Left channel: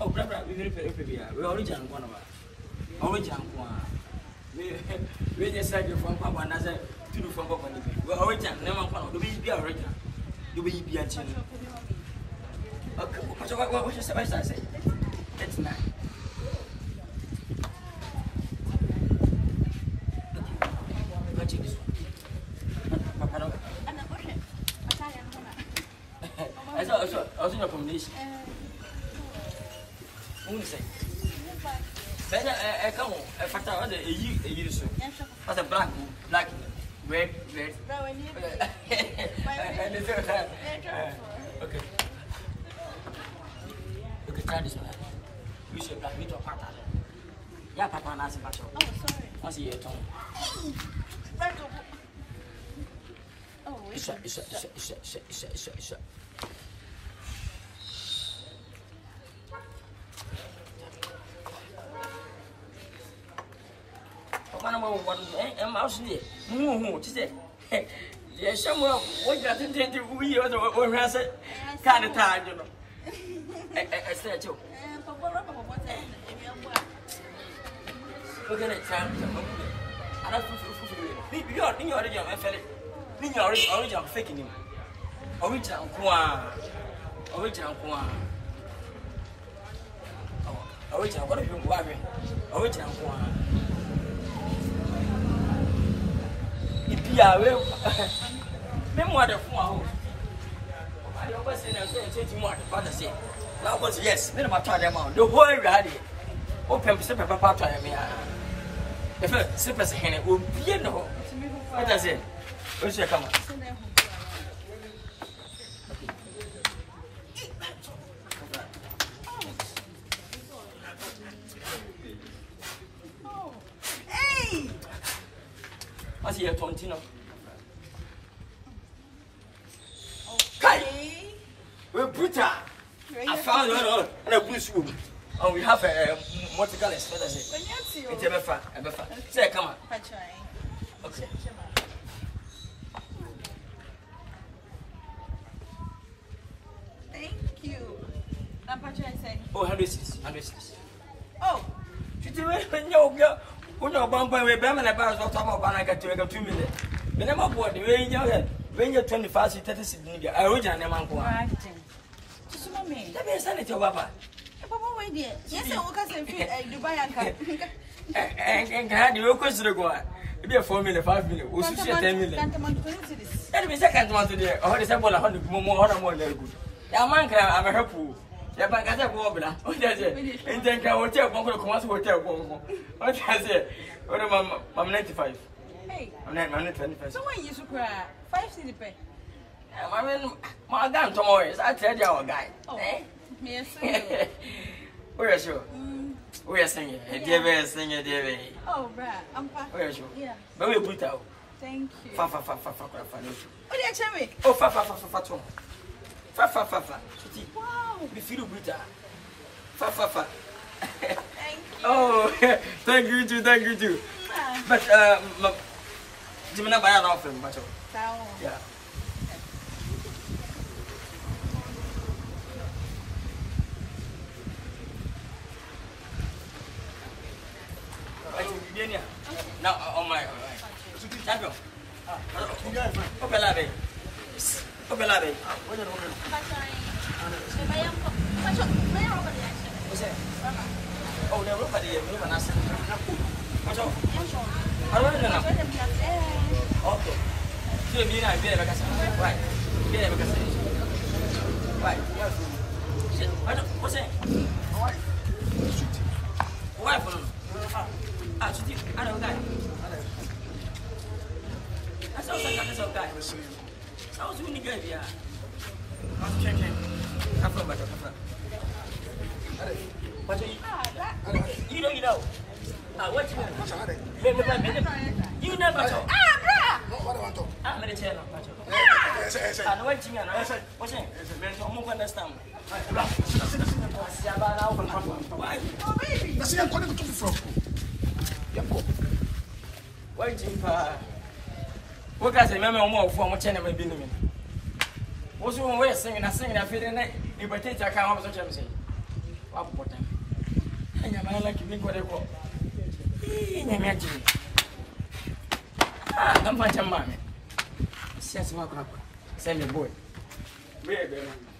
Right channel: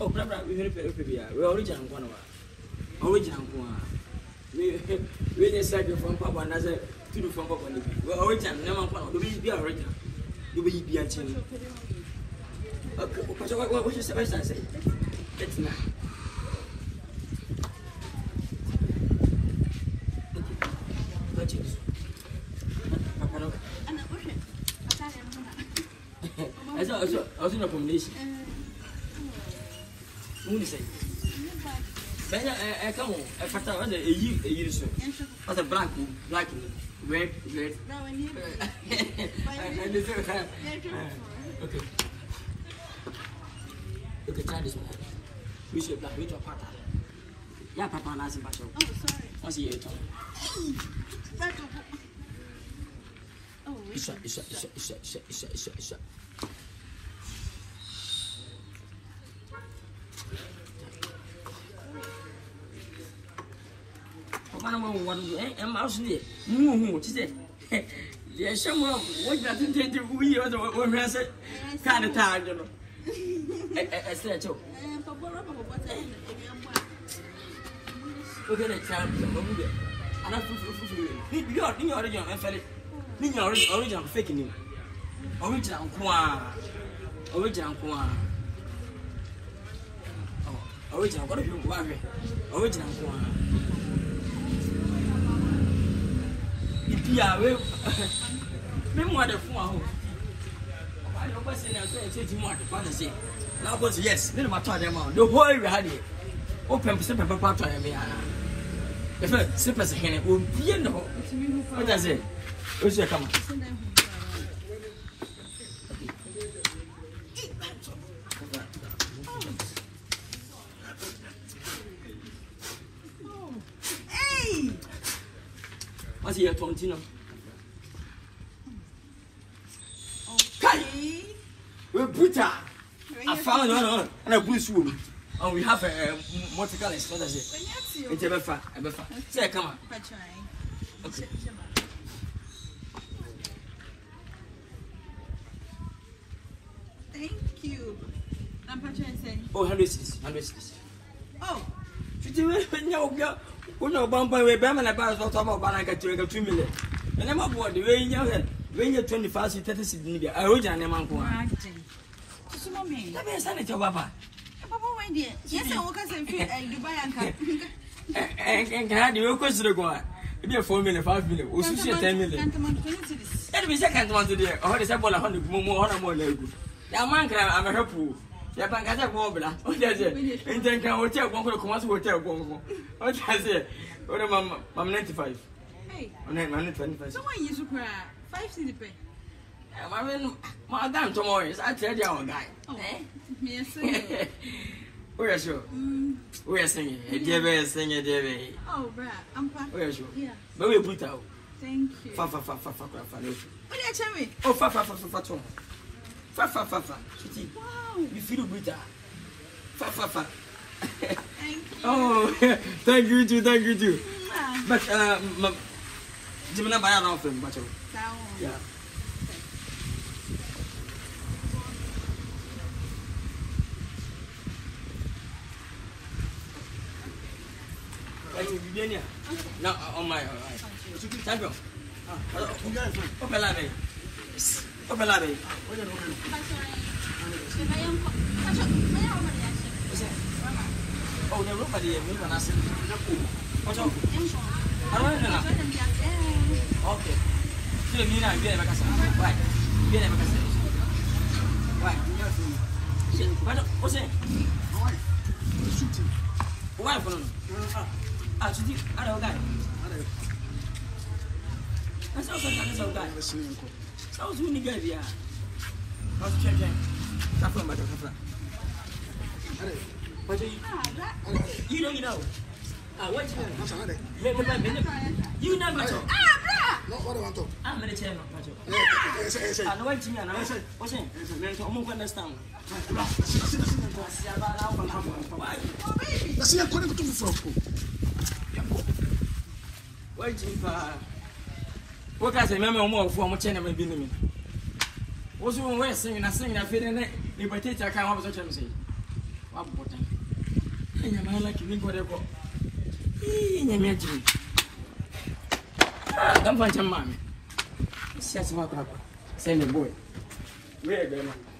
Oh, brother, we original one. Original one. We just said you from Papa and I said to do from Papa. Well, original, never one. Do we be original? Do we be a chin? Okay, what was your say? It's not. I was in a combination. Only say, come on, I found out a year so. As a black, red. And the third time. Okay. Okay, try this one. We should black me to a part of it. Yeah, Papa, and as a battle. Oh, sorry. What's your tongue? Oh, it's shut. I'm actually yeah, someone what you intend to we or has it kind of time, you know. I said so. Okay, next time, and I feel you are in your original and fell in your original faking you. Original qua. Oh, original, what if you want me? Original qua. Yeah, memoir the phone. I don't question as more the father say. That was yes, then my child amount. The whole had it. Open simple papa. If a simple hen will be no. What does it? Where's your come? What's your Tontino? Kai! We're brutal. I found one and a bush room. And we have a multicolored for the same. It's a befa. Say, come on. Okay. Thank you. I'm purchasing. Oh, 106. Oh, did you know? When you're bound by a Bama about Banaka to make 2 million. The name of what when you're 25, 30 media, I original name uncle. Let me send it to Papa. Papa, wait, dear. Yes, I will say Dubai and can I do a question to go? Maybe a 4 million, 5 million, or 10 million. That means I can't want to do or the sample 100 more than good. I'm a helpful. Yeah, but I got a wobbler. What does it? And then I will tell one hotel. What has it? What am I 95? Hey, I'm 25. So when you cry, 5 city pay. My damn tomorrow is I tell you our guy. Oh, me we're sure. We're singing. Dear, singing, dear. Oh, right. I'm fine. We're sure. Yeah. But we put out. Thank you. Fa. What did I tell you? Oh, fa. Wow. We feel better. Fa. Thank you. Oh, thank you too. But Jimena buy around from Bacho. Yeah. Now on my champion. Open labe. Oh, the nobody moving us. What's up? I don't know. Okay. So you know, be a casa. Why? Be a casa. Why? What's it? Shooting. Why? Shooting. I don't guy. I saw some guy. Sounds really good, yeah. What's checking? Come from. You don't know. What time? You never talk. What about talk? I'm going to tell you. I know what you mean. What's it? I'm going to understand. What can I say? Remember more for my channel. What's wrong with singing? I feel in it. You potato, I can't have such a mistake. Wa bota. Anya mala ki mi gore ko. Nya mi aji. Dam fan chama me. Sia sima ko. Send me boy. Where go na.